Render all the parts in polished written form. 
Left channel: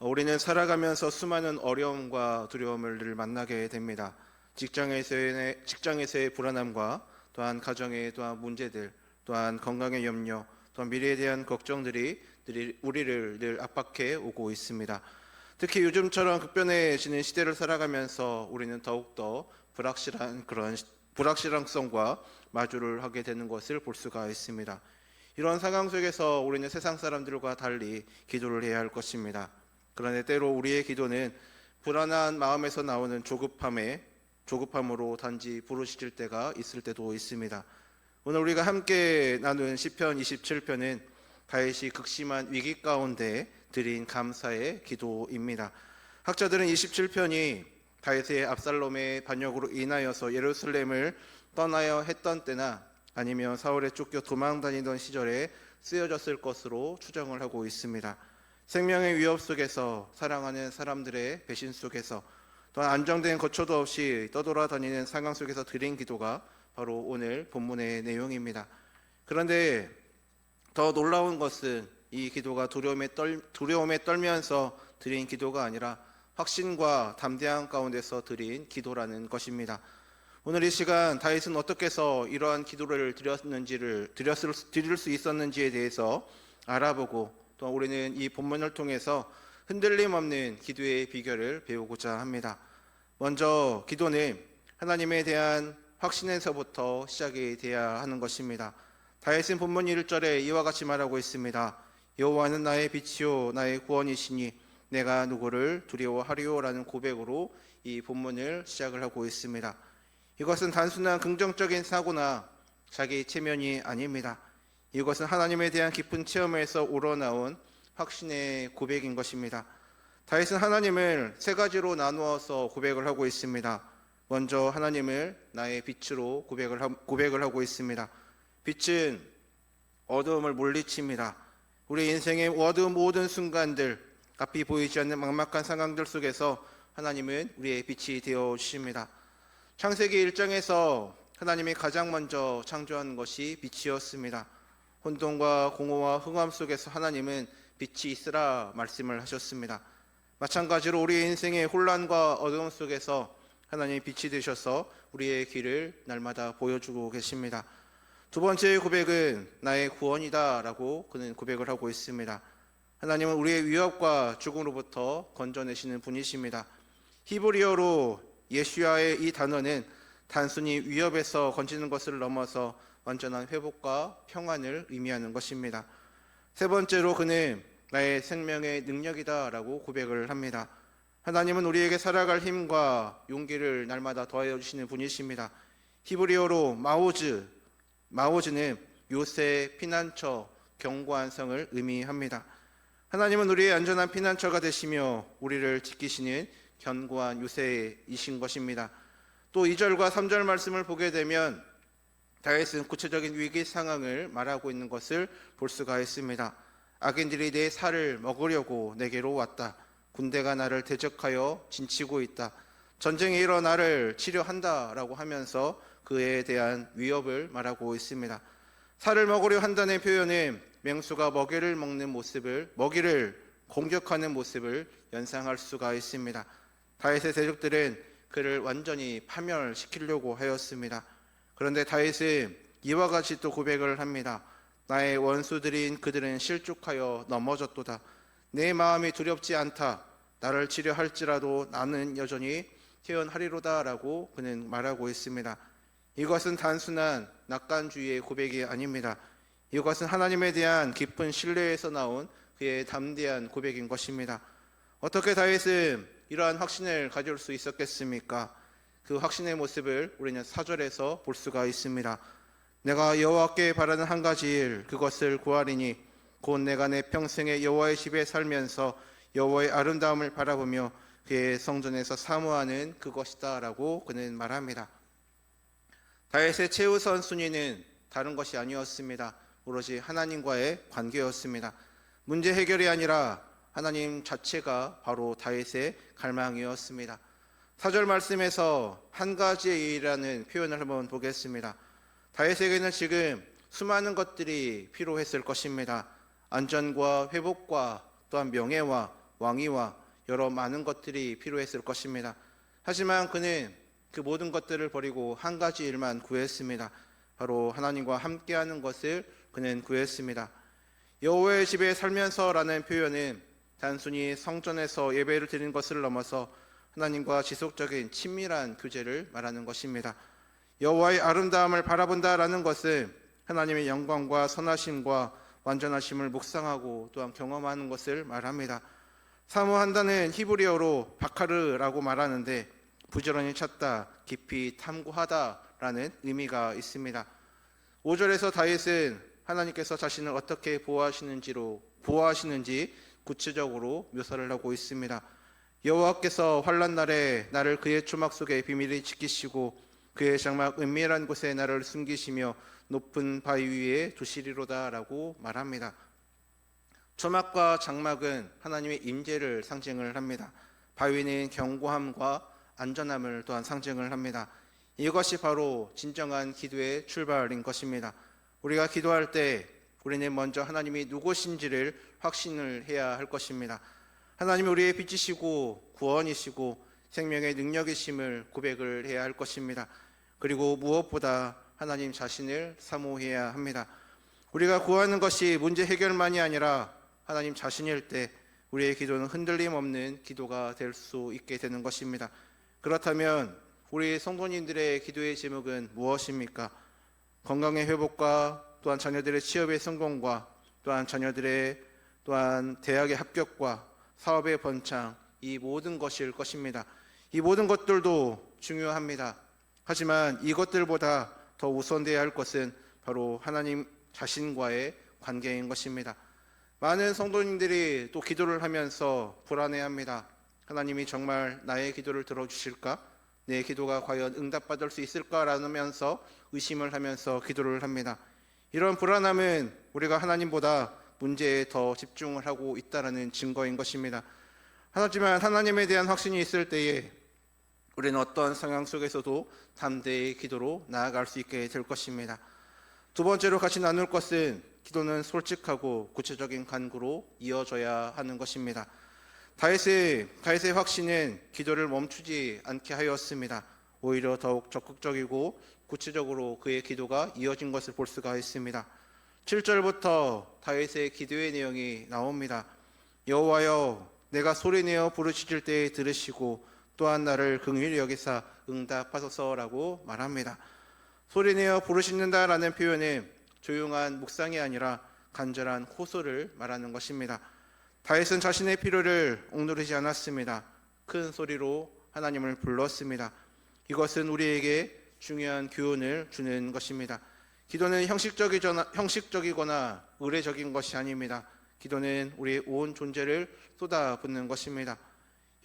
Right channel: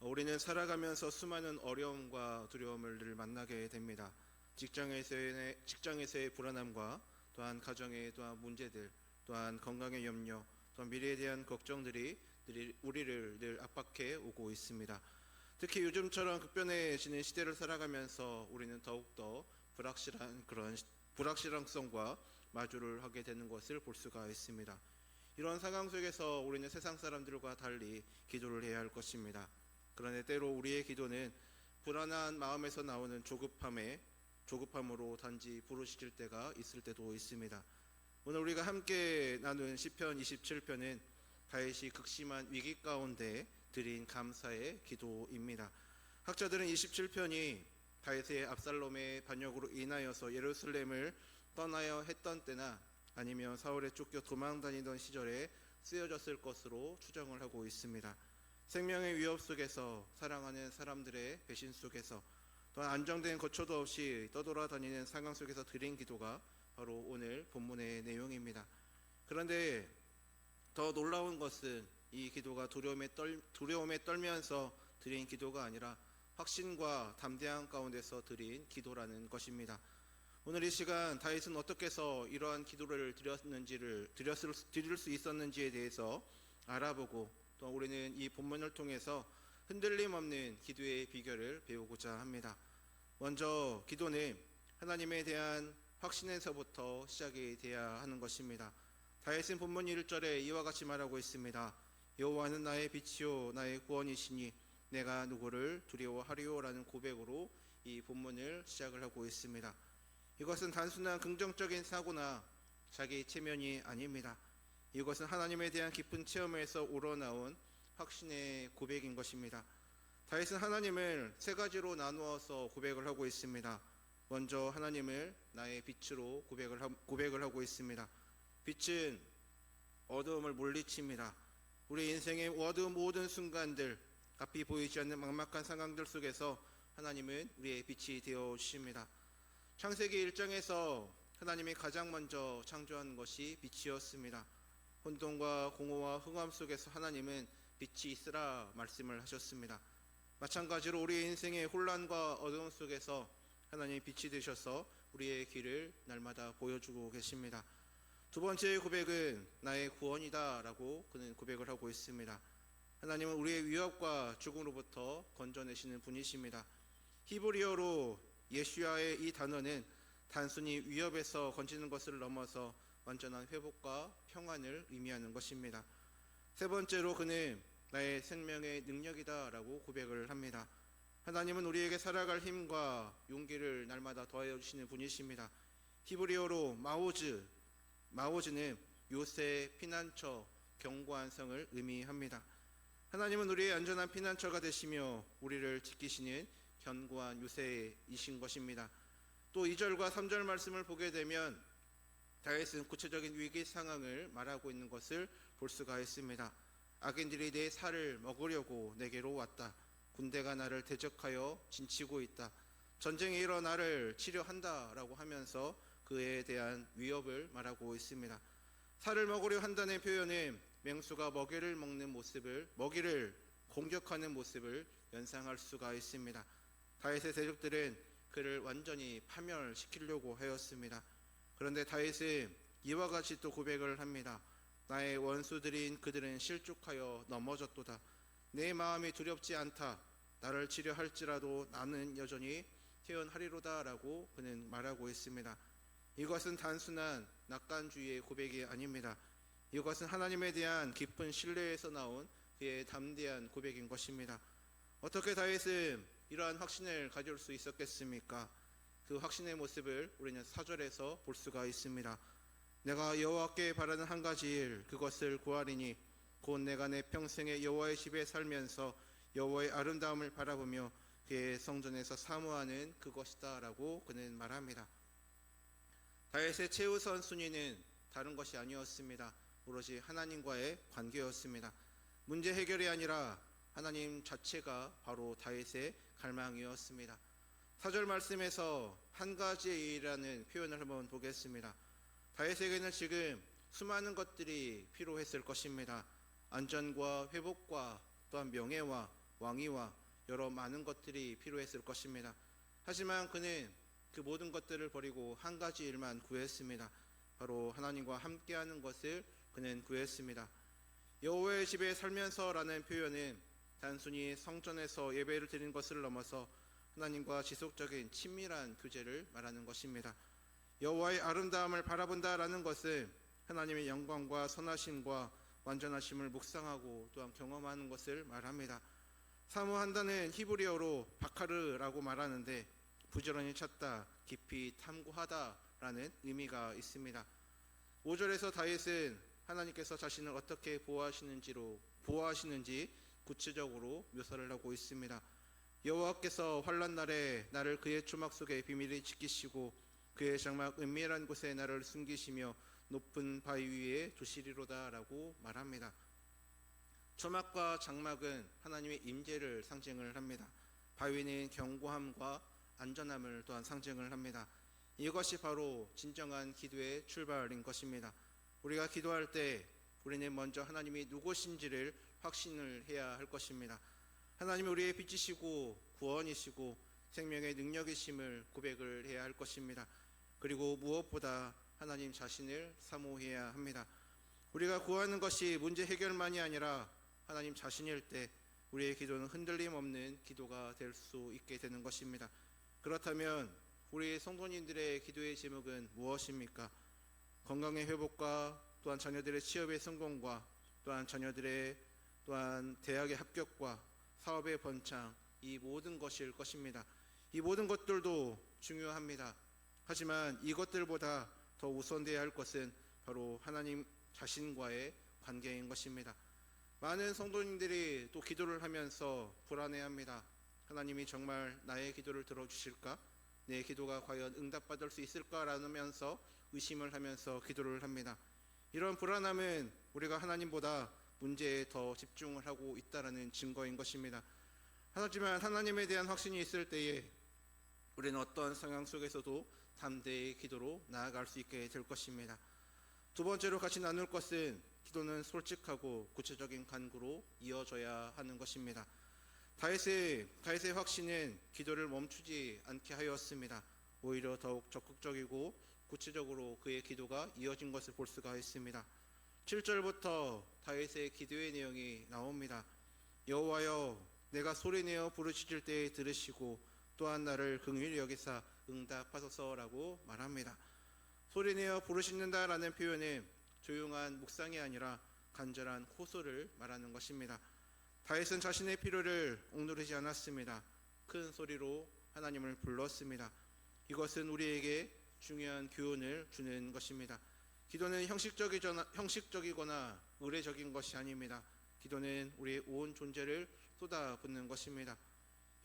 우리는 살아가면서 수많은 어려움과 두려움을 늘 만나게 됩니다. 직장에서의 불안함과 또한 가정의 또한 문제들, 또한 건강의 염려, 또한 미래에 대한 걱정들이 우리를 늘 압박해 오고 있습니다. 특히 요즘처럼 급변해지는 시대를 살아가면서 우리는 더욱더 불확실성과 마주를 하게 되는 것을 볼 수가 있습니다. 이런 상황 속에서 우리는 세상 사람들과 달리 기도를 해야 할 것입니다. 그런데 때로 우리의 기도는 불안한 마음에서 나오는 조급함으로 단지 부르짖을 때가 있을 때도 있습니다. 오늘 우리가 함께 나눈 시편 27편은 다윗이 극심한 위기 가운데 드린 감사의 기도입니다. 학자들은 27편이 다윗의 압살롬의 반역으로 인하여서 예루살렘을 떠나야 했던 때나 아니면 사울에 쫓겨 도망다니던 시절에 쓰여졌을 것으로 추정을 하고 있습니다. 생명의 위협 속에서, 사랑하는 사람들의 배신 속에서, 또한 안정된 거처도 없이 떠돌아다니는 상황 속에서 드린 기도가 바로 오늘 본문의 내용입니다. 그런데 더 놀라운 것은 이 기도가 두려움에 떨면서 드린 기도가 아니라 확신과 담대함 가운데서 드린 기도라는 것입니다. 오늘 이 시간 다윗은 어떻게 해서 이러한 기도를 드릴 수 있었는지에 대해서 알아보고, 또 우리는 이 본문을 통해서 흔들림 없는 기도의 비결을 배우고자 합니다. 먼저 기도는 하나님에 대한 확신에서부터 시작이 되어야 하는 것입니다. 다윗은 본문 1절에 이와 같이 말하고 있습니다. 여호와는 나의 빛이요 나의 구원이시니 내가 누구를 두려워하리요라는 고백으로 이 본문을 시작을 하고 있습니다. 이것은 단순한 긍정적인 사고나 자기 체면이 아닙니다. 이것은 하나님에 대한 깊은 체험에서 우러나온 확신의 고백인 것입니다. 다윗은 하나님을 세 가지로 나누어서 고백을 하고 있습니다. 먼저 하나님을 나의 빛으로 고백을 하고 있습니다. 빛은 어두움을 물리칩니다. 우리 인생의 어두운 모든 순간들, 앞이 보이지 않는 막막한 상황들 속에서 하나님은 우리의 빛이 되어 주십니다. 창세기 1장에서 하나님이 가장 먼저 창조한 것이 빛이었습니다. 혼돈과 공허와 흑암 속에서 하나님은 빛이 있으라 말씀을 하셨습니다. 마찬가지로 우리 인생의 혼란과 어두움 속에서 하나님이 빛이 되셔서 우리의 길을 날마다 보여주고 계십니다. 두 번째 고백은 나의 구원이다 라고 그는 고백을 하고 있습니다. 하나님은 우리의 위협과 죽음으로부터 건져내시는 분이십니다. 히브리어로 예수야의 이 단어는 단순히 위협에서 건지는 것을 넘어서 완전한 회복과 평안을 의미하는 것입니다. 세 번째로 그는 나의 생명의 능력이다 라고 고백을 합니다. 하나님은 우리에게 살아갈 힘과 용기를 날마다 더하여 주시는 분이십니다. 히브리어로 마오즈는 요새, 피난처, 견고한 성을 의미합니다. 하나님은 우리의 안전한 피난처가 되시며 우리를 지키시는 견고한 요새이신 것입니다. 또 2절과 3절 말씀을 보게 되면 다윗은 구체적인 위기 상황을 말하고 있는 것을 볼 수가 있습니다. 악인들이 내 살을 먹으려고 내게로 왔다. 군대가 나를 대적하여 진치고 있다. 전쟁이 일어 나를 치료한다 라고 하면서 그에 대한 위협을 말하고 있습니다. 살을 먹으려 한다는 표현은 맹수가 먹이를 공격하는 모습을 연상할 수가 있습니다. 다윗의 대적들은 그를 완전히 파멸시키려고 하였습니다. 그런데 다윗은 이와 같이 또 고백을 합니다. 나의 원수들인 그들은 실족하여 넘어졌도다. 내 마음이 두렵지 않다. 나를 치료할지라도 나는 여전히 태어나리로다 라고 그는 말하고 있습니다. 이것은 단순한 낙관주의의 고백이 아닙니다. 이것은 하나님에 대한 깊은 신뢰에서 나온 그의 담대한 고백인 것입니다. 어떻게 다윗은 이러한 확신을 가질 수 있었겠습니까? 그 확신의 모습을 우리는 4절에서 볼 수가 있습니다. 내가 여호와께 바라는 한 가지 일, 그것을 구하리니 곧 내가 내 평생에 여호와의 집에 살면서 여호와의 아름다움을 바라보며 그의 성전에서 사모하는 그것이다 라고 그는 말합니다. 다윗의 최우선 순위는 다른 것이 아니었습니다. 오로지 하나님과의 관계였습니다. 문제 해결이 아니라 하나님 자체가 바로 다윗의 갈망이었습니다. 4절 말씀에서 한 가지의 일이라는 표현을 한번 보겠습니다. 다윗에게는 지금 수많은 것들이 필요했을 것입니다. 안전과 회복과 또한 명예와 왕위와 여러 많은 것들이 필요했을 것입니다. 하지만 그는 그 모든 것들을 버리고 한 가지 일만 구했습니다. 바로 하나님과 함께하는 것을 그는 구했습니다. 여호와의 집에 살면서라는 표현은 단순히 성전에서 예배를 드리는 것을 넘어서 하나님과 지속적인 친밀한 교제를 말하는 것입니다. 여호와의 아름다움을 바라본다라는 것은 하나님의 영광과 선하심과 완전하심을 묵상하고 또한 경험하는 것을 말합니다. 사모한다는 히브리어로 바카르라고 말하는데 부지런히 찾다, 깊이 탐구하다라는 의미가 있습니다. 5절에서 다윗은 하나님께서 자신을 어떻게 보호하시는지 구체적으로 묘사를 하고 있습니다. 여호와께서 환난 날에 나를 그의 초막 속에 비밀히 지키시고 그의 장막 은밀한 곳에 나를 숨기시며 높은 바위 위에 두시리로다라고 말합니다. 초막과 장막은 하나님의 임재를 상징을 합니다. 바위는 견고함과 안전함을 또한 상징을 합니다. 이것이 바로 진정한 기도의 출발인 것입니다. 우리가 기도할 때 우리는 먼저 하나님이 누구신지를 확신을 해야 할 것입니다. 하나님이 우리의 빛이시고 구원이시고 생명의 능력이심을 고백을 해야 할 것입니다. 그리고 무엇보다 하나님 자신을 사모해야 합니다. 우리가 구하는 것이 문제 해결만이 아니라 하나님 자신일 때 우리의 기도는 흔들림 없는 기도가 될 수 있게 되는 것입니다. 그렇다면 우리 성도님들의 기도의 제목은 무엇입니까? 건강의 회복과 또한 자녀들의 취업의 성공과 또한 자녀들의 또한 대학의 합격과 사업의 번창, 이 모든 것일 것입니다. 이 모든 것들도 중요합니다. 하지만 이것들보다 더 우선되어야 할 것은 바로 하나님 자신과의 관계인 것입니다. 많은 성도님들이 또 기도를 하면서 불안해합니다. 하나님이 정말 나의 기도를 들어주실까? 내 기도가 과연 응답받을 수 있을까라면서 의심을 하면서 기도를 합니다. 이런 불안함은 우리가 하나님보다 문제에 더 집중을 하고 있다는 증거인 것입니다. 하지만 하나님에 대한 확신이 있을 때에 우리는 어떤 상황 속에서도 담대히 기도로 나아갈 수 있게 될 것입니다. 두 번째로 같이 나눌 것은 기도는 솔직하고 구체적인 간구로 이어져야 하는 것입니다. 다윗의 확신은 기도를 멈추지 않게 하였습니다. 오히려 더욱 적극적이고 구체적으로 그의 기도가 이어진 것을 볼 수가 있습니다. 7절부터 다윗의 기도의 내용이 나옵니다. 여호와여, 내가 소리내어 부르짖을 때에 들으시고 또한 나를 긍휼히 여기사 응답하소서라고 말합니다. 소리내어 부르짖는다라는 표현은 조용한 묵상이 아니라 간절한 호소를 말하는 것입니다. 다윗은 자신의 필요를 억누르지 않았습니다. 큰 소리로 하나님을 불렀습니다. 이것은 우리에게 중요한 교훈을 주는 것입니다. 기도는 형식적이거나 의례적인 것이 아닙니다. 기도는 우리의 온 존재를 쏟아붓는 것입니다.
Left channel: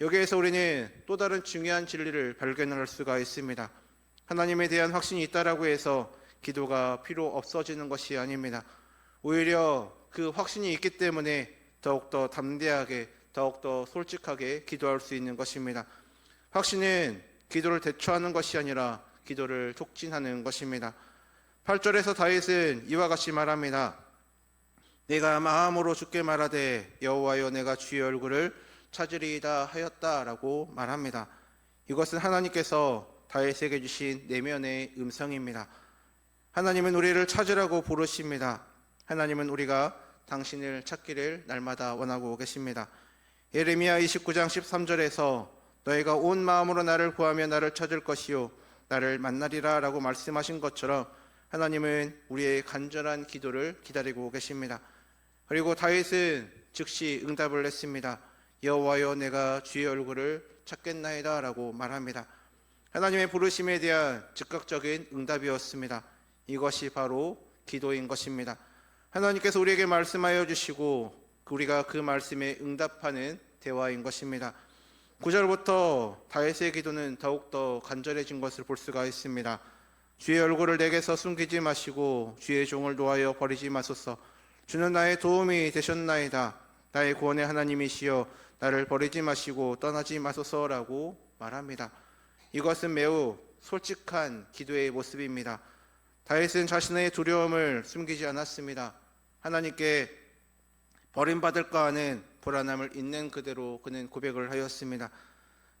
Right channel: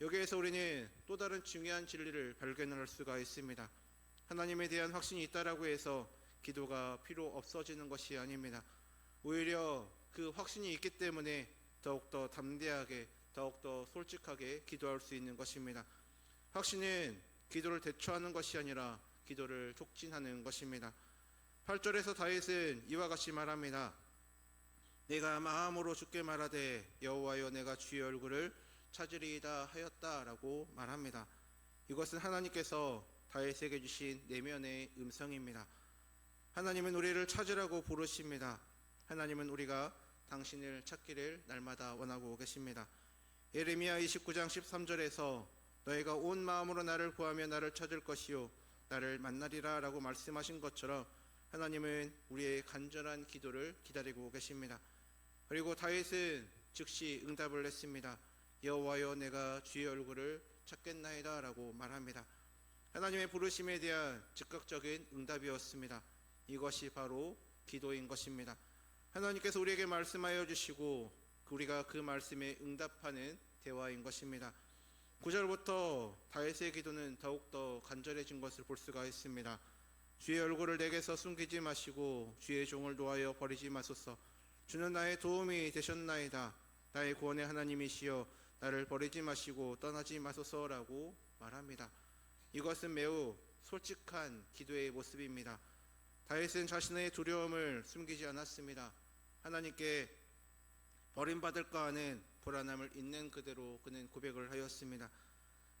여기에서 우리는 또 다른 중요한 진리를 발견할 수가 있습니다. 하나님에 대한 확신이 있다라고 해서 기도가 필요 없어지는 것이 아닙니다. 오히려 그 확신이 있기 때문에 더욱더 담대하게, 더욱더 솔직하게 기도할 수 있는 것입니다. 확신은 기도를 대처하는 것이 아니라 기도를 촉진하는 것입니다. 8절에서 다윗은 이와 같이 말합니다. 내가 마음으로 주께 말하되 여호와여, 내가 주의 얼굴을 찾으리이다 하였다라고 말합니다. 이것은 하나님께서 다윗에게 주신 내면의 음성입니다. 하나님은 우리를 찾으라고 부르십니다. 하나님은 우리가 당신을 찾기를 날마다 원하고 계십니다. 예레미야 29장 13절에서 너희가 온 마음으로 나를 구하며 나를 찾을 것이요 나를 만나리라 라고 말씀하신 것처럼 하나님은 우리의 간절한 기도를 기다리고 계십니다. 그리고 다윗은 즉시 응답을 했습니다. 여호와여, 내가 주의 얼굴을 찾겠나이다 라고 말합니다. 하나님의 부르심에 대한 즉각적인 응답이었습니다. 이것이 바로 기도인 것입니다. 하나님께서 우리에게 말씀하여 주시고 우리가 그 말씀에 응답하는 대화인 것입니다. 9절부터 다윗의 기도는 더욱더 간절해진 것을 볼 수가 있습니다. 주의 얼굴을 내게서 숨기지 마시고 주의 종을 놓아여 버리지 마소서. 주는 나의 도움이 되셨나이다. 나의 구원의 하나님이시여 나를 버리지 마시고 떠나지 마소서라고 말합니다. 이것은 매우 솔직한 기도의 모습입니다. 다윗은 자신의 두려움을 숨기지 않았습니다. 하나님께 버림받을까 하는 불안함을 있는 그대로 그는 고백을 하였습니다.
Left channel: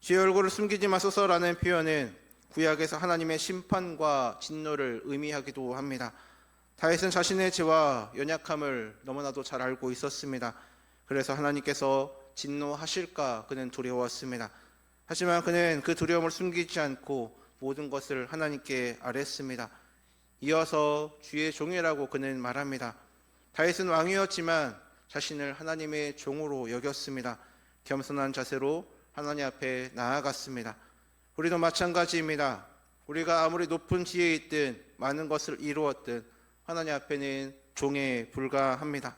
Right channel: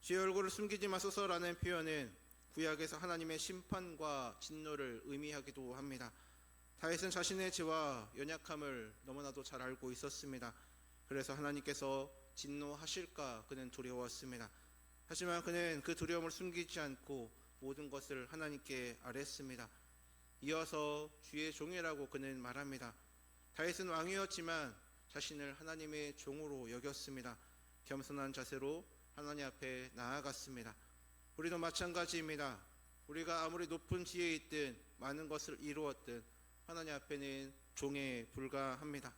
주의 얼굴을 숨기지 마소서라는 표현은 구약에서 하나님의 심판과 진노를 의미하기도 합니다. 다윗은 자신의 죄와 연약함을 너무나도 잘 알고 있었습니다. 그래서 하나님께서 진노하실까 그는 두려웠습니다. 하지만 그는 그 두려움을 숨기지 않고 모든 것을 하나님께 아뢰었습니다. 이어서 주의 종이라고 그는 말합니다. 다윗은 왕이었지만 자신을 하나님의 종으로 여겼습니다. 겸손한 자세로 하나님 앞에 나아갔습니다. 우리도 마찬가지입니다. 우리가 아무리 높은 지혜에 있든 많은 것을 이루었든 하나님 앞에는 종에 불과합니다.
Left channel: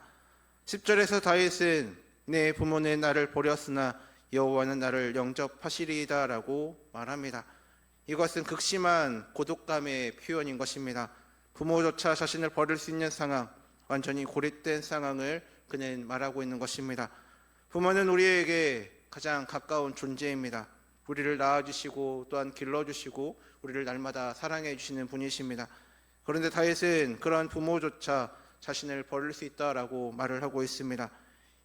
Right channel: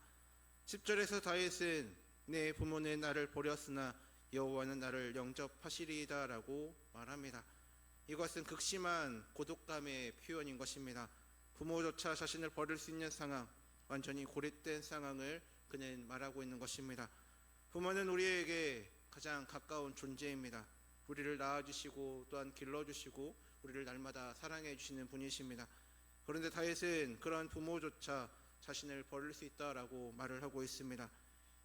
10절에서 다윗은 내 부모는 나를 버렸으나 여호와는 나를 영접하시리이다 라고 말합니다. 이것은 극심한 고독감의 표현인 것입니다. 부모조차 자신을 버릴 수 있는 상황, 완전히 고립된 상황을 그는 말하고 있는 것입니다. 부모는 우리에게 가장 가까운 존재입니다. 우리를 낳아주시고 또한 길러주시고 우리를 날마다 사랑해 주시는 분이십니다. 그런데 다윗은 그런 부모조차 자신을 버릴 수 있다라고 말을 하고 있습니다.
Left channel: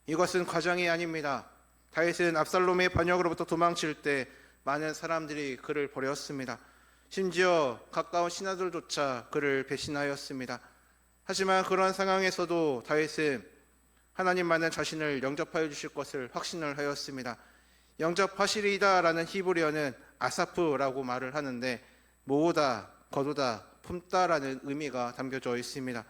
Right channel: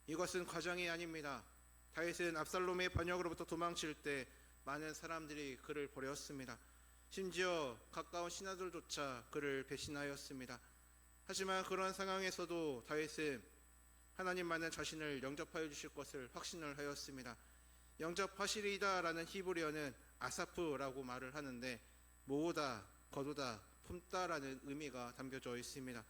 이것은 과장이 아닙니다. 다윗은 압살롬의 반역으로부터 도망칠 때 많은 사람들이 그를 버렸습니다. 심지어 가까운 신하들조차 그를 배신하였습니다. 하지만 그런 상황에서도 다윗은 하나님만은 자신을 영접하여 주실 것을 확신을 하였습니다. 영접하시리이다라는 히브리어는 아사프라고 말을 하는데 모으다, 거두다, 품다라는 의미가 담겨져 있습니다.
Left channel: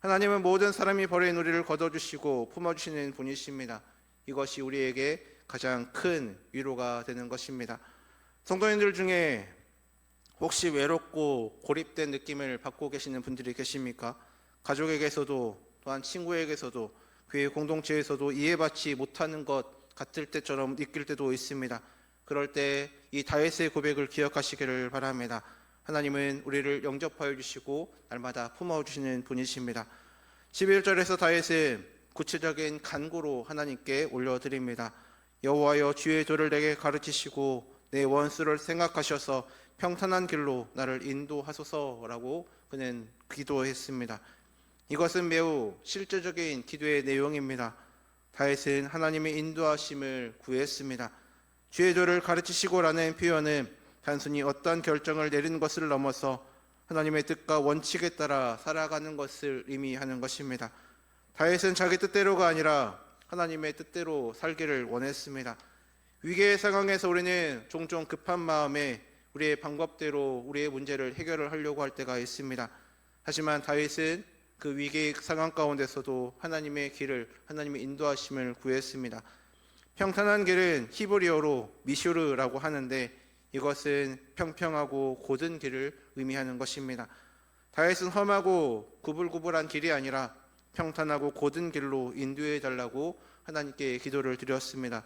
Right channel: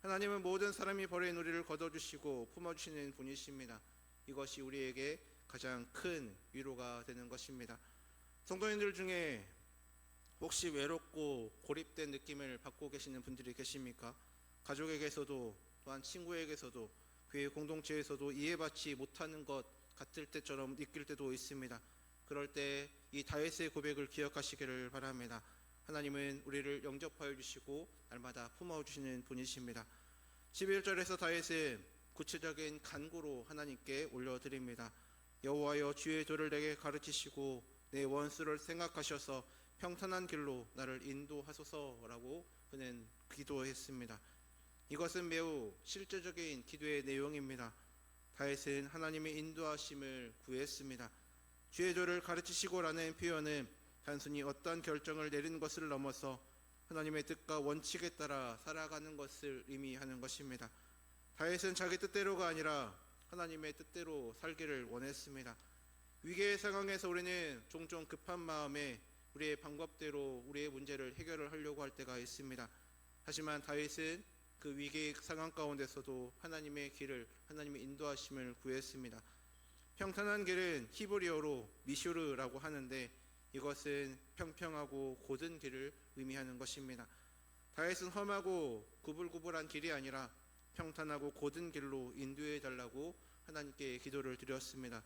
하나님은 모든 사람이 버린 우리를 거둬주시고 품어주시는 분이십니다. 이것이 우리에게 가장 큰 위로가 되는 것입니다. 성도님들 중에 혹시 외롭고 고립된 느낌을 받고 계시는 분들이 계십니까? 가족에게서도 또한 친구에게서도 교회 공동체에서도 이해받지 못하는 것 같을 때처럼 느낄 때도 있습니다. 그럴 때 이 다윗의 고백을 기억하시기를 바랍니다. 하나님은 우리를 영접하여 주시고 날마다 품어주시는 분이십니다. 11절에서 다윗은 구체적인 간구로 하나님께 올려드립니다. 여호와여 주의 도를 내게 가르치시고 내 원수를 생각하셔서 평탄한 길로 나를 인도하소서라고 그는 기도했습니다. 이것은 매우 실제적인 기도의 내용입니다. 다윗은 하나님의 인도하심을 구했습니다. 주의 도를 가르치시고라는 표현은 단순히 어떤 결정을 내리는 것을 넘어서 하나님의 뜻과 원칙에 따라 살아가는 것을 의미하는 것입니다. 다윗은 자기 뜻대로가 아니라 하나님의 뜻대로 살기를 원했습니다. 위기의 상황에서 우리는 종종 급한 마음에 우리의 방법대로 우리의 문제를 해결을 하려고 할 때가 있습니다. 하지만 다윗은 그 위기의 상황 가운데서도 하나님의 길을, 하나님의 인도하심을 구했습니다. 평탄한 길은 히브리어로 미슈르라고 하는데 이것은 평평하고 곧은 길을 의미하는 것입니다. 다윗은 험하고 구불구불한 길이 아니라 평탄하고 곧은 길로 인도해 달라고 하나님께 기도를 드렸습니다.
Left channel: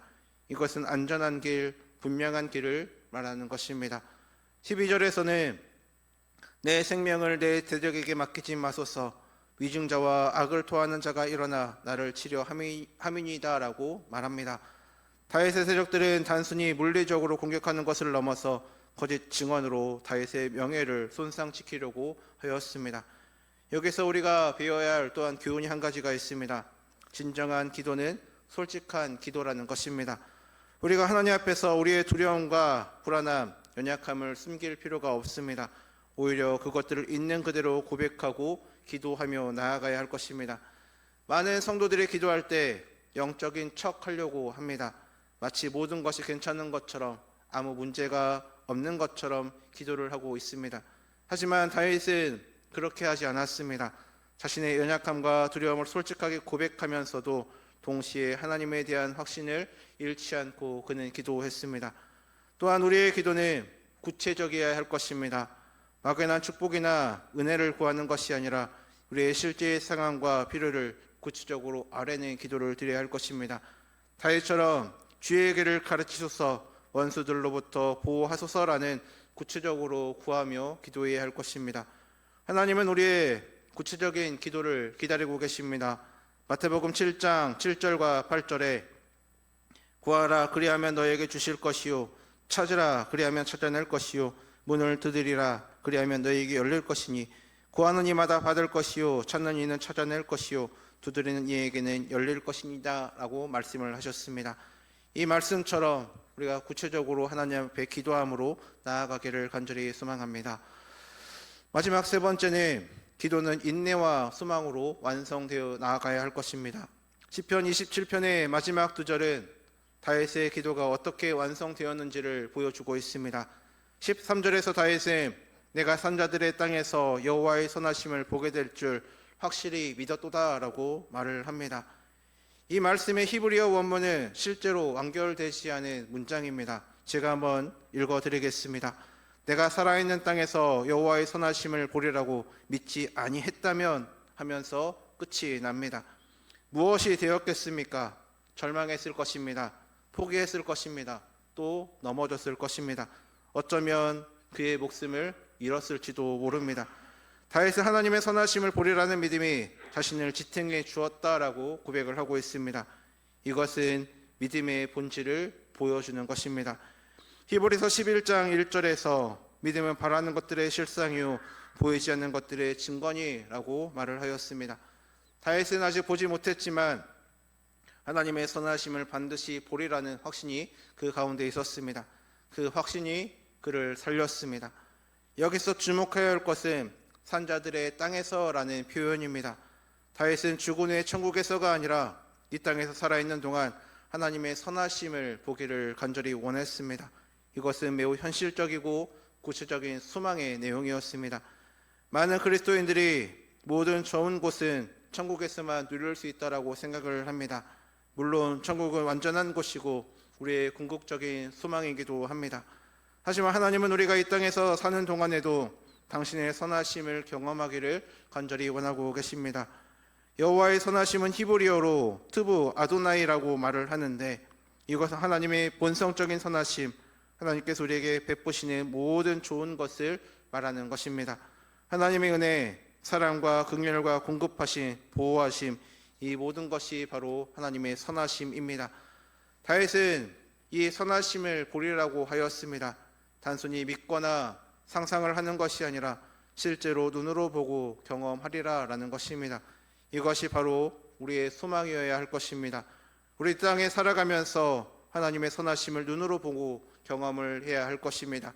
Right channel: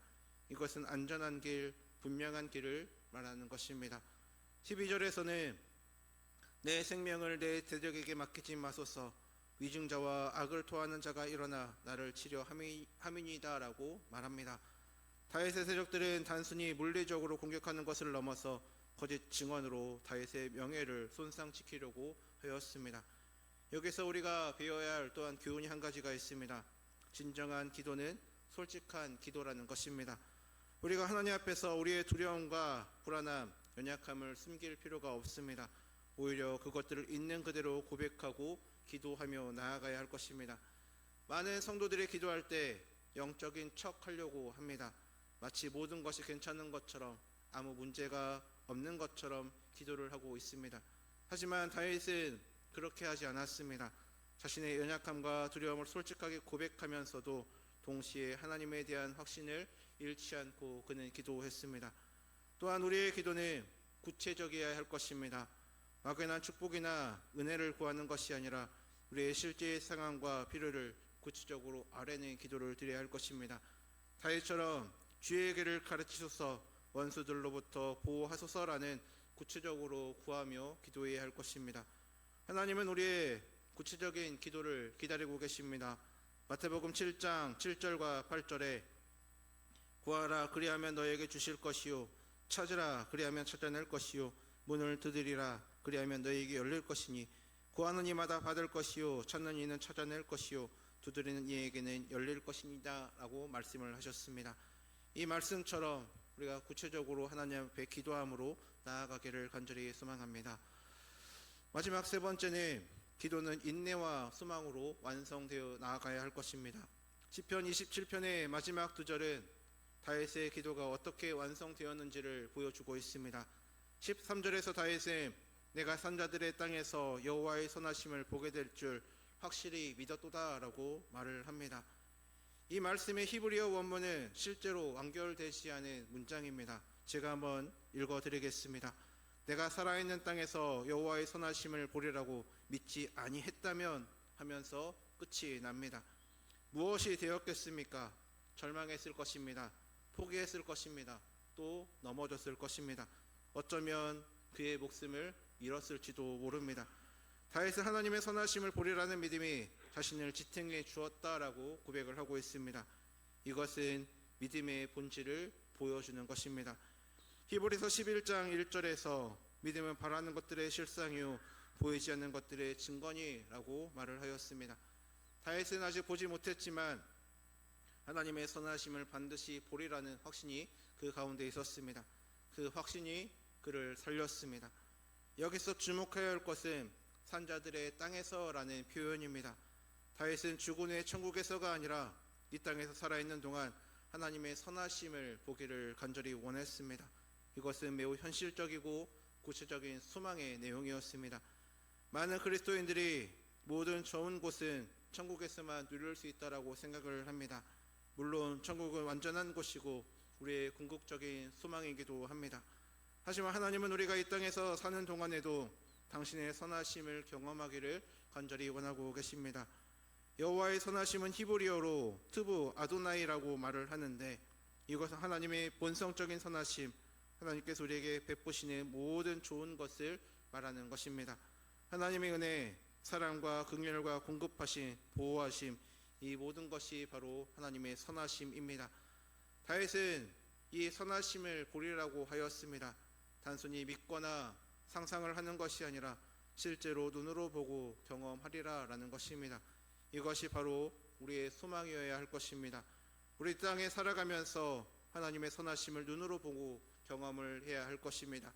이것은 안전한 길, 분명한 길을 말하는 것입니다. 12절에서는 내 생명을 내 대적에게 맡기지 마소서, 위증자와 악을 토하는 자가 일어나 나를 치려 함이니이다라고 말합니다. 다윗의 세력들은 단순히 물리적으로 공격하는 것을 넘어서 거짓 증언으로 다윗의 명예를 손상시키려고 하였습니다. 여기서 우리가 배워야 할 또한 교훈이 한 가지가 있습니다. 진정한 기도는 솔직한 기도라는 것입니다. 우리가 하나님 앞에서 우리의 두려움과 불안함, 연약함을 숨길 필요가 없습니다. 오히려 그것들을 있는 그대로 고백하고 기도하며 나아가야 할 것입니다. 많은 성도들이 기도할 때 영적인 척 하려고 합니다. 마치 모든 것이 괜찮은 것처럼, 아무 문제가 없는 것처럼 기도를 하고 있습니다. 하지만 다윗은 그렇게 하지 않았습니다. 자신의 연약함과 두려움을 솔직하게 고백하면서도 동시에 하나님에 대한 확신을 잃지 않고 그는 기도했습니다. 또한 우리의 기도는 구체적이어야 할 것입니다. 막연한 축복이나 은혜를 구하는 것이 아니라 우리의 실제의 상황과 필요를 구체적으로 아뢰는 기도를 드려야 할 것입니다. 다윗처럼 주의 길을 가르치소서, 원수들로부터 보호하소서라는 구체적으로 구하며 기도해야 할 것입니다. 하나님은 우리의 구체적인 기도를 기다리고 계십니다. 마태복음 7장 7절과 8절에 구하라 그리하면 너에게 주실 것이요, 찾으라 그리하면 찾아낼 것이요, 문을 두드리라 그리하면 너에게 열릴 것이니 구하는 이마다 받을 것이요, 찾는 이는 찾아낼 것이요, 두드리는 이에게는 열릴 것입니다 라고 말씀을 하셨습니다. 이 말씀처럼 우리가 구체적으로 하나님 앞에 기도함으로 나아가기를 간절히 소망합니다. 마지막 세 번째는 기도는 인내와 소망으로 완성되어 나아가야 할 것입니다. 시편 27편의 마지막 두 절은 다윗의 기도가 어떻게 완성되었는지를 보여주고 있습니다. 13절에서 다윗은 내가 산자들의 땅에서 여호와의 선하심을 보게 될 줄 확실히 믿었도다라고 말을 합니다. 이 말씀의 히브리어 원문은 실제로 완결되지 않은 문장입니다. 제가 한번 읽어드리겠습니다. 내가 살아있는 땅에서 여호와의 선하심을 보리라고 믿지 아니했다면 하면서 끝이 납니다. 무엇이 되었겠습니까? 절망했을 것입니다. 포기했을 것입니다. 또 넘어졌을 것입니다. 어쩌면 그의 목숨을 잃었을지도 모릅니다. 다윗은 하나님의 선하심을 보리라는 믿음이 자신을 지탱해 주었다라고 고백을 하고 있습니다. 이것은 믿음의 본질을 보여주는 것입니다. 히브리서 11장 1절에서 믿음은 바라는 것들의 실상이요 보이지 않는 것들의 증거니라고 말을 하였습니다. 다윗은 아직 보지 못했지만 하나님의 선하심을 반드시 보리라는 확신이 그 가운데 있었습니다. 그 확신이 그를 살렸습니다. 여기서 주목해야 할 것은 산자들의 땅에서라는 표현입니다. 다윗은 죽은 후에 천국에서가 아니라 이 땅에서 살아있는 동안 하나님의 선하심을 보기를 간절히 원했습니다. 이것은 매우 현실적이고 구체적인 소망의 내용이었습니다. 많은 그리스도인들이 모든 좋은 곳은 천국에서만 누릴 수 있다라고 생각을 합니다. 물론 천국은 완전한 곳이고 우리의 궁극적인 소망이기도 합니다. 하지만 하나님은 우리가 이 땅에서 사는 동안에도 당신의 선하심을 경험하기를 간절히 원하고 계십니다. 여호와의 선하심은 히브리어로 트부 아도나이라고 말을 하는데 이것은 하나님의 본성적인 선하심, 하나님께서 우리에게 베푸시는 모든 좋은 것을 말하는 것입니다. 하나님의 은혜, 사랑과 긍휼과 공급하심, 보호하심, 이 모든 것이 바로 하나님의 선하심입니다. 다윗은 이 선하심을 보리라고 하였습니다. 단순히 믿거나 상상을 하는 것이 아니라 실제로 눈으로 보고 경험하리라라는 것입니다. 이것이 바로 우리의 소망이어야 할 것입니다. 우리 땅에 살아가면서 하나님의 선하심을 눈으로 보고 경험을 해야 할 것입니다.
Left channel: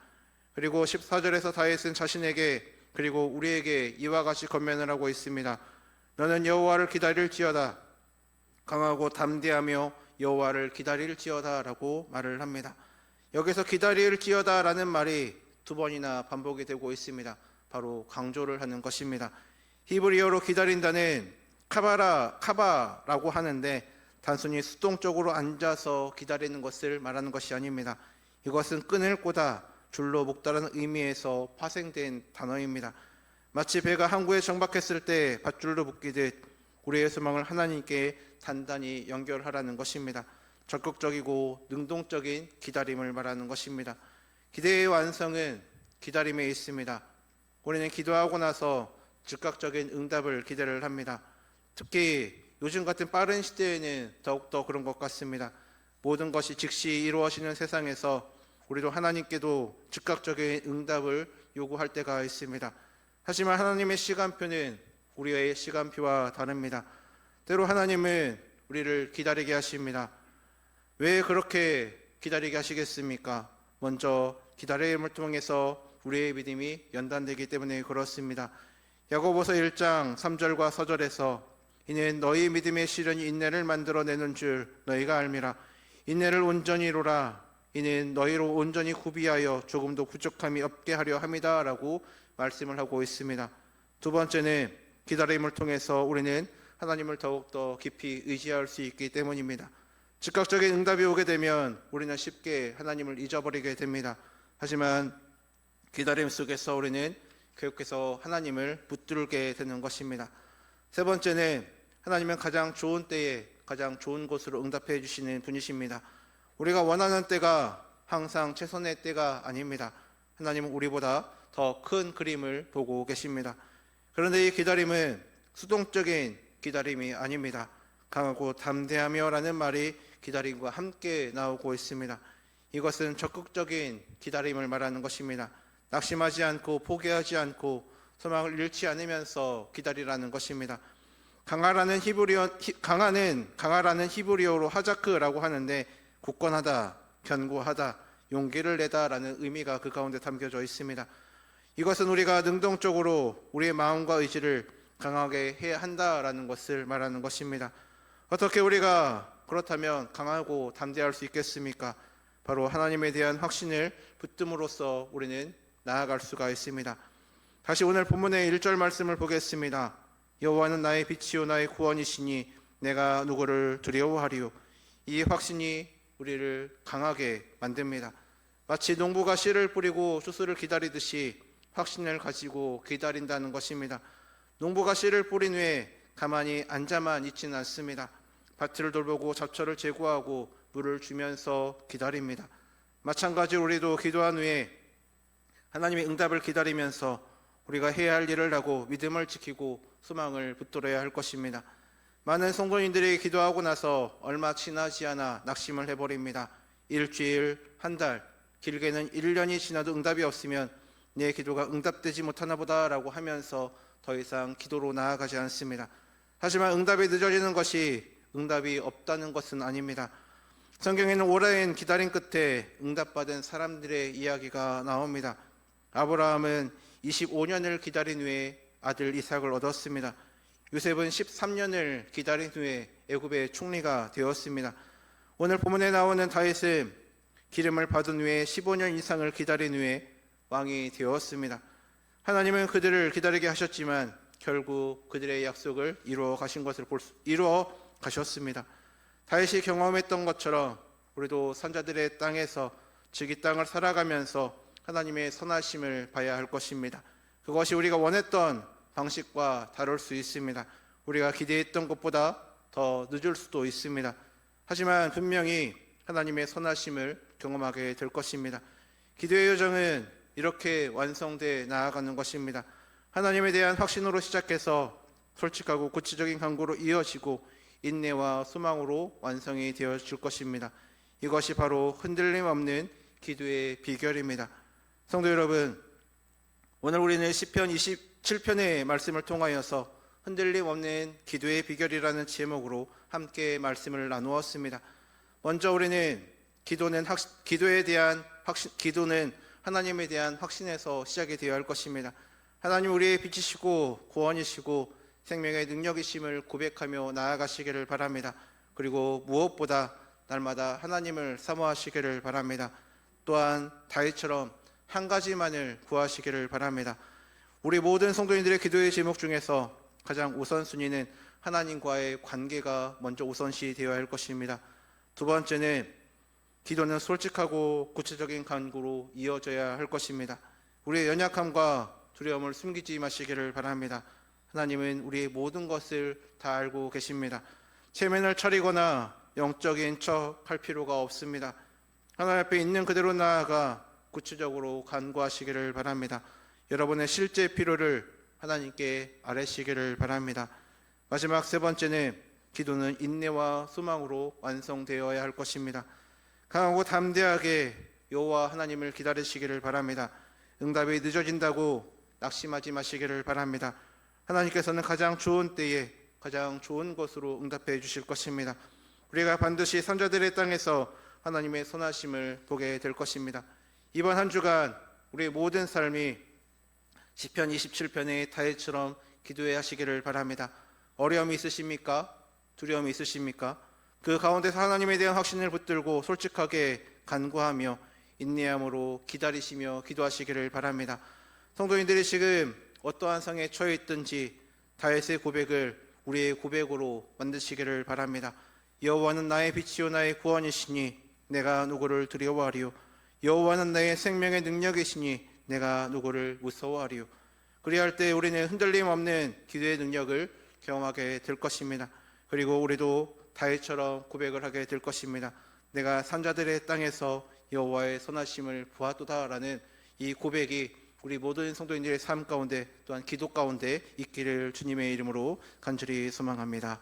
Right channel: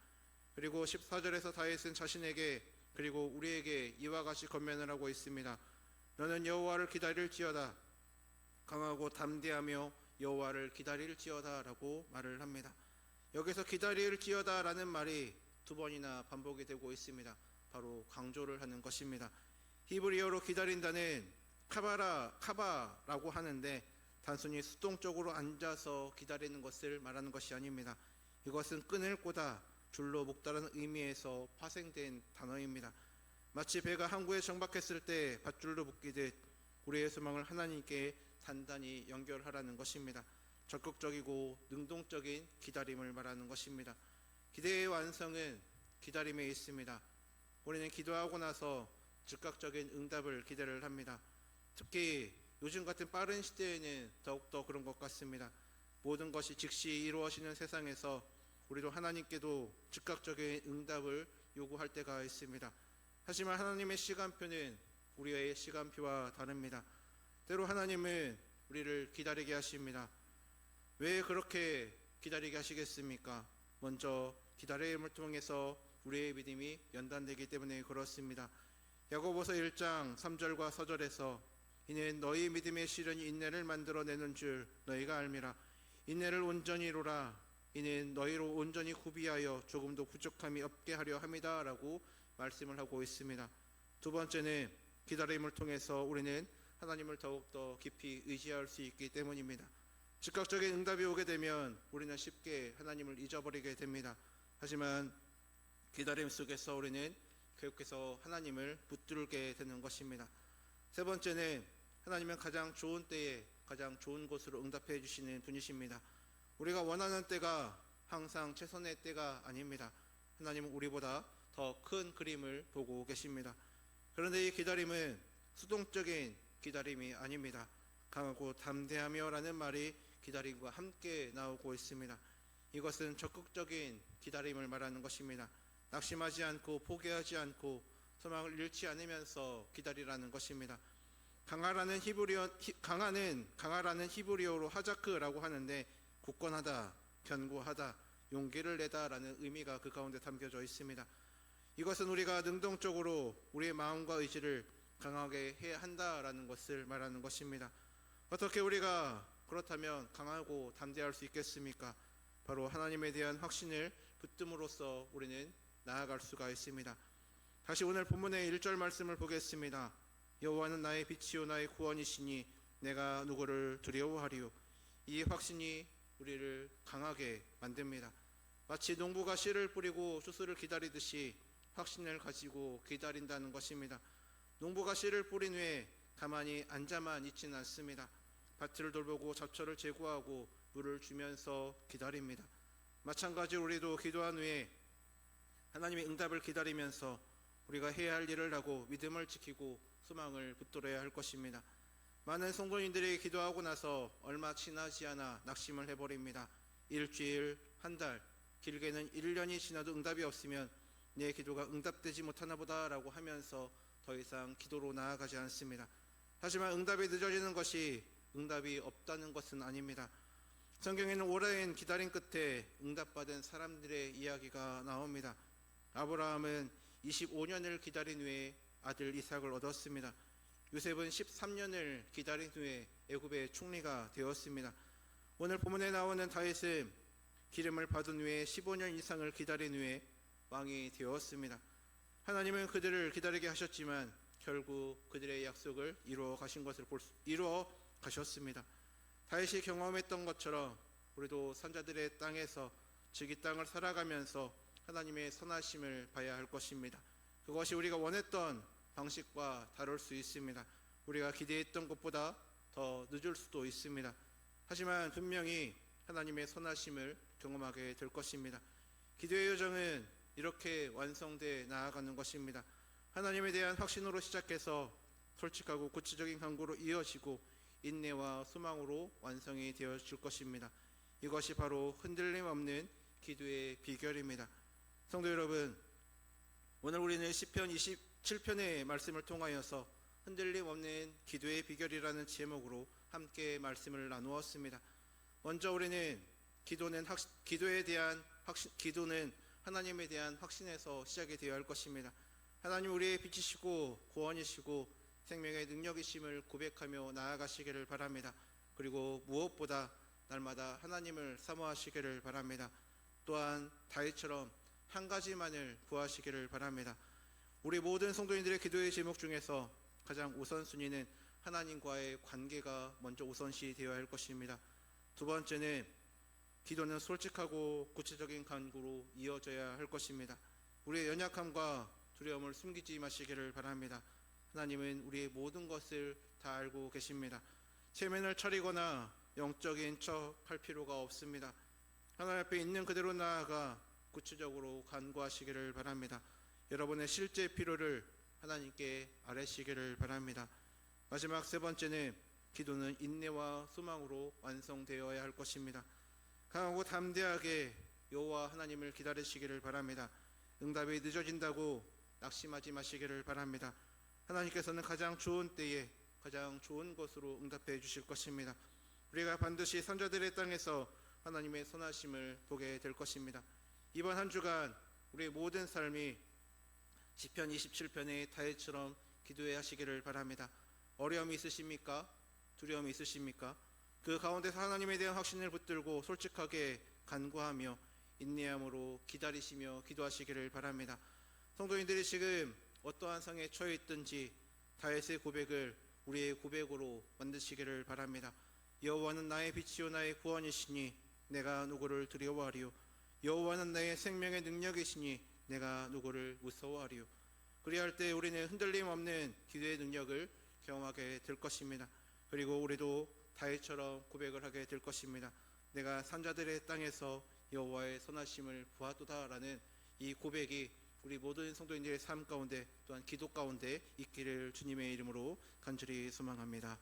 그리고 14절에서 다윗은 자신에게 그리고 우리에게 이와 같이 권면을 하고 있습니다. 너는 여호와를 기다릴지어다. 강하고 담대하며 여호와를 기다릴지어다 라고 말을 합니다. 여기서 기다릴지어다라는 말이 두 번이나 반복이 되고 있습니다. 바로 강조를 하는 것입니다. 히브리어로 기다린다는 카바라고 하는데 단순히 수동적으로 앉아서 기다리는 것을 말하는 것이 아닙니다. 이것은 끈을 꽂아 줄로 묶다라는 의미에서 파생된 단어입니다. 마치 배가 항구에 정박했을 때 밧줄로 묶이듯 우리의 소망을 하나님께 단단히 연결하라는 것입니다. 적극적이고 능동적인 기다림을 말하는 것입니다. 기대의 완성은 기다림에 있습니다. 우리는 기도하고 나서 즉각적인 응답을 기대를 합니다. 특히 요즘 같은 빠른 시대에는 더욱더 그런 것 같습니다. 모든 것이 즉시 이루어지는 세상에서 우리도 하나님께도 즉각적인 응답을 요구할 때가 있습니다. 하지만 하나님의 시간표는 우리의 시간표와 다릅니다. 때로 하나님은 우리를 기다리게 하십니다. 왜 그렇게 기다리게 하시겠습니까? 먼저 기다림을 통해서 우리의 믿음이 연단되기 때문에 그렇습니다. 야고보서 1장 3절과 4절에서 이는 너희 믿음의 시련이 인내를 만들어내는 줄 너희가 알미라. 인내를 온전히 이루라. 이는 너희로 온전히 구비하여 조금도 부족함이 없게 하려 함이다 라고 말씀을 하고 있습니다. 두 번째는 기다림을 통해서 우리는 하나님을 더욱더 깊이 의지할 수 있기 때문입니다. 즉각적인 응답이 오게 되면 우리는 쉽게 하나님을 잊어버리게 됩니다. 하지만 기다림 속에서 우리는 계속해서 하나님을 붙들게 되는 것입니다. 세 번째는 하나님은 가장 좋은 때에 가장 좋은 곳으로 응답해 주시는 분이십니다. 우리가 원하는 때가 항상 최선의 때가 아닙니다. 하나님은 우리보다 더 큰 그림을 보고 계십니다. 그런데 이 기다림은 수동적인 기다림이 아닙니다. 강하고 담대하며 라는 말이 기다림과 함께 나오고 있습니다. 이것은 적극적인 기다림을 말하는 것입니다. 낙심하지 않고 포기하지 않고 소망을 잃지 않으면서 기다리라는 것입니다. 강하라는 히브리어로 하자크라고 하는데 굳건하다, 견고하다, 용기를 내다라는 의미가 그 가운데 담겨져 있습니다. 이것은 우리가 능동적으로 우리의 마음과 의지를 강하게 해야 한다라는 것을 말하는 것입니다. 어떻게 우리가 그렇다면 강하고 담대할 수 있겠습니까? 바로 하나님에 대한 확신을 붙듦으로써 우리는 나아갈 수가 있습니다. 다시 오늘 본문의 1절 말씀을 보겠습니다. 여호와는 나의 빛이요 나의 구원이시니 내가 누구를 두려워하리요. 이 확신이 우리를 강하게 만듭니다. 마치 농부가 씨를 뿌리고 추수를 기다리듯이 확신을 가지고 기다린다는 것입니다. 농부가 씨를 뿌린 후에 가만히 앉아만 있지는 않습니다. 밭을 돌보고 잡초를 제거하고 물을 주면서 기다립니다. 마찬가지로 우리도 기도한 후에 하나님의 응답을 기다리면서 우리가 해야 할 일을 하고 믿음을 지키고 소망을 붙들어야 할 것입니다. 많은 성도님들이 기도하고 나서 얼마 지나지 않아 낙심을 해버립니다. 일주일, 한 달, 길게는 1년이 지나도 응답이 없으면 내 기도가 응답되지 못하나 보다라고 하면서 더 이상 기도로 나아가지 않습니다. 하지만 응답이 늦어지는 것이 응답이 없다는 것은 아닙니다. 성경에는 오랜 기다림 끝에 응답받은 사람들의 이야기가 나옵니다. 아브라함은 25년을 기다린 후에 아들 이삭을 얻었습니다. 요셉은 13년을 기다린 후에 애굽의 총리가 되었습니다. 오늘 본문에 나오는 다윗은 기름을 받은 후에 15년 이상을 기다린 후에 왕이 되었습니다. 하나님은 그들을 기다리게 하셨지만 결국 그들의 약속을 이루어 가셨습니다. 다윗이 경험했던 것처럼 우리도 선자들의 땅에서 즉 이 땅을 살아가면서 하나님의 선하심을 봐야 할 것입니다. 그것이 우리가 원했던 방식과 다를 수 있습니다. 우리가 기대했던 것보다 더 늦을 수도 있습니다. 하지만 분명히 하나님의 선하심을 경험하게 될 것입니다. 기도의 여정은 이렇게 완성돼 나아가는 것입니다. 하나님에 대한 확신으로 시작해서 솔직하고 구체적인 간구로 이어지고 인내와 소망으로 완성이 되어질 것입니다. 이것이 바로 흔들림 없는 기도의 비결입니다. 성도 여러분, 오늘 우리는 시편 27편의 말씀을 통하여서 흔들림 없는 기도의 비결이라는 제목으로 함께 말씀을 나누었습니다. 먼저 우리는 기도는 하나님에 대한 확신에서 시작이 되어야 할 것입니다. 하나님 우리의 빛이시고 구원이시고 생명의 능력이심을 고백하며 나아가시기를 바랍니다. 그리고 무엇보다 날마다 하나님을 사모하시기를 바랍니다. 또한 다윗처럼 한 가지만을 구하시기를 바랍니다. 우리 모든 성도님들의 기도의 제목 중에서 가장 우선순위는 하나님과의 관계가 먼저 우선시 되어야 할 것입니다. 두 번째는 기도는 솔직하고 구체적인 간구로 이어져야 할 것입니다. 우리의 연약함과 두려움을 숨기지 마시기를 바랍니다. 하나님은 우리의 모든 것을 다 알고 계십니다. 체면을 차리거나 영적인 척 할 필요가 없습니다. 하나님 앞에 있는 그대로 나아가 구체적으로 간구하시기를 바랍니다. 여러분의 실제 필요를 하나님께 아뢰시기를 바랍니다. 마지막 세 번째는 기도는 인내와 소망으로 완성되어야 할 것입니다. 강하고 담대하게 여호와 하나님을 기다리시기를 바랍니다. 응답이 늦어진다고 낙심하지 마시기를 바랍니다. 하나님께서는 가장 좋은 때에 가장 좋은 것으로 응답해 주실 것입니다. 우리가 반드시 선자들의 땅에서 하나님의 선하심을 보게 될 것입니다. 이번 한 주간 우리의 모든 삶이 시편 27편의 다윗처럼 기도해 하시기를 바랍니다. 어려움이 있으십니까? 두려움이 있으십니까? 그 가운데서 하나님에 대한 확신을 붙들고 솔직하게 간구하며 인내함으로 기다리시며 기도하시기를 바랍니다. 성도님들이 지금 어떠한 상에 처해 있든지 다윗의 고백을 우리의 고백으로 만드시기를 바랍니다. 여호와는 나의 빛이요 나의 구원이시니 내가 누구를 두려워하리요. 여호와는 나의 생명의 능력이시니 내가 누구를 무서워하리요. 그리할 때 우리는 흔들림 없는 기도의 능력을 경험하게 될 것입니다. 그리고 우리도 다윗처럼 고백을 하게 될 것입니다. 내가 산자들의 땅에서 여호와의 선하심을 보았도다라는 이 고백이 우리 모든 성도인들의 삶 가운데 또한 기도 가운데 있기를 주님의 이름으로 간절히 소망합니다.